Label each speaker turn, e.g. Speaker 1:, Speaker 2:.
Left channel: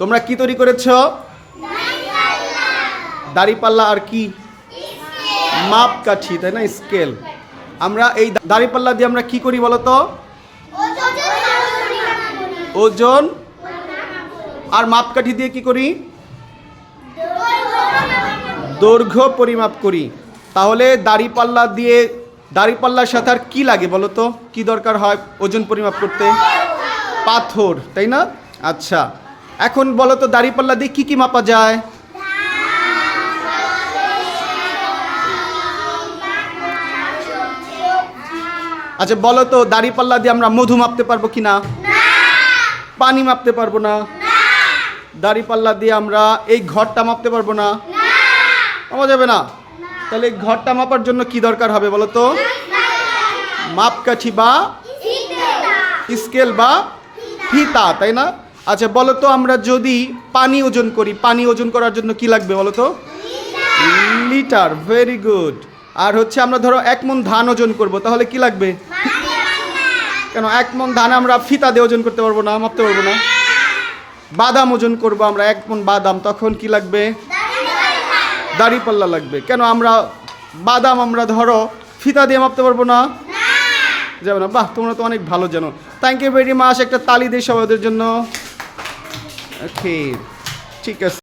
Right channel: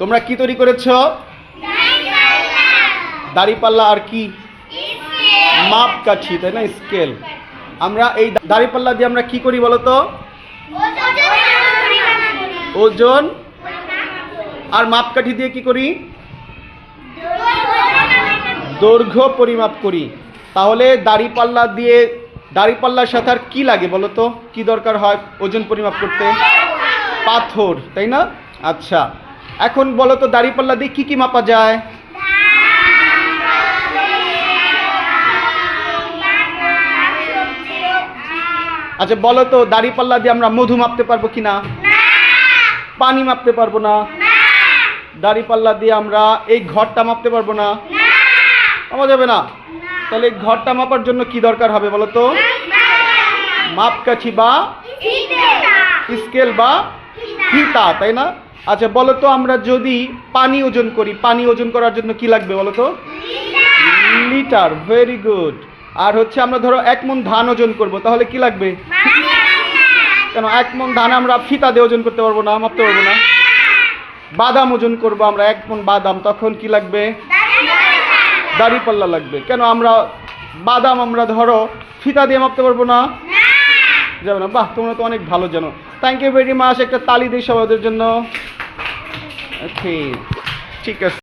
Speaker 1: তোমরা কি তৈরি করেছ? দাড়িপাল্লা আর কি? মাপকাঠি, তাই না? স্কেল। আমরা এই দাড়িপাল্লা দিয়ে আমরা কি করি বলতো ওজন আর মাপকাঠি দিয়ে কি করি? দৈর্ঘ্য পরিমাপ করি। তাহলে দাড়িপাল্লা দিয়ে দাড়িপাল্লার সাথে আর কি লাগে বলো তো? কি দরকার হয় ওজন পরিমাপ করতে? পাথর, তাই না? আচ্ছা। এখন বলো তো দাড়িপাল্লা দিয়ে কি কি মাপা যায়? আচ্ছা বলো তো দাড়িপাল্লা দিয়ে আমরা মধু মাপতে পারব কি না? পানি মাপতে পারব না। দাড়িপাল্লা দিয়ে আমরা এই ঘরটা মাপতে পারব না। মাপা যাবে না? তাহলে এই ঘরটা মাপার জন্য কি দরকার হবে বলো তো? মাপকাঠি বা স্কেল বা ফিতা তাই না? আচ্ছা বলো তো আমরা যদি পানি ওজন করি, পানি ওজন করার জন্য কি লাগবে বলো তো? Litre, very good. আর হচ্ছে আমরা ধরো এক মন ধান ওজন করব, তাহলে কি লাগবে? কেন, এক মন ধান আমরা ফিতা দিয়ে ওজন করতে পারব না মাপতে পারব না? বাদাম ওজন করব আমরা, এক মন বাদাম, তখন কি লাগবে? দাড়িপাল্লা লাগবে। কেন, আমরা বাদাম আমরা ধরো ফিতা দিয়ে মাপতে পারব না? যাবে না। বাহ, তোমরা তো অনেক ভালো জানো। থ্যাংক ইউ ভেরি মাচ একটা তালি দিই সবাইদের জন্য। Okay. chicas.